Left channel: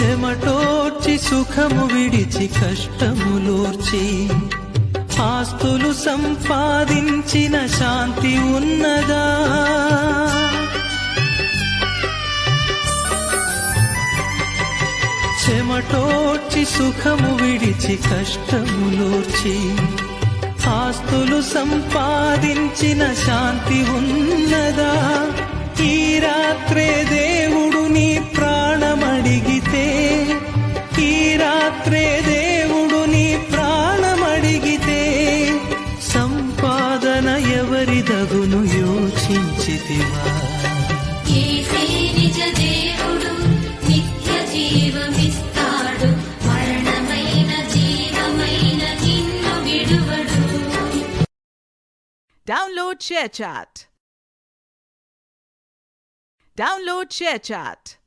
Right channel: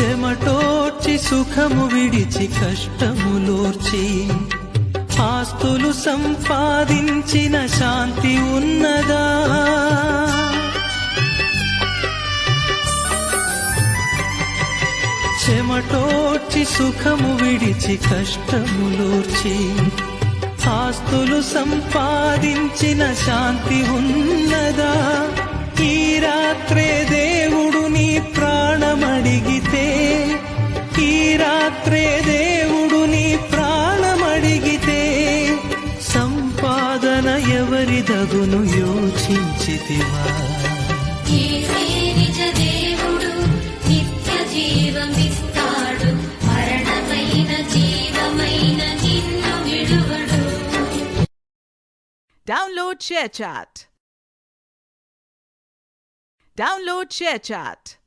చెమటోర్చి సుఖము విడిచి కష్టములోర్చి ఆస్తులు సంపాదించిన శాంతి ఉన్నదా? చెమటోర్చి సుఖము విడిచి కష్టములోర్చి ఆస్తులు సంపాదించిన శాంతి ఉన్నదా? ఈ రాత్రే దేవుడు నీ ప్రాణమడిగితే, ఈ రాత్రే దేవుడు నీ ప్రాణమడిగితే సంపాదన ఎవరిదగును యోచించితివా? Download ShareChat.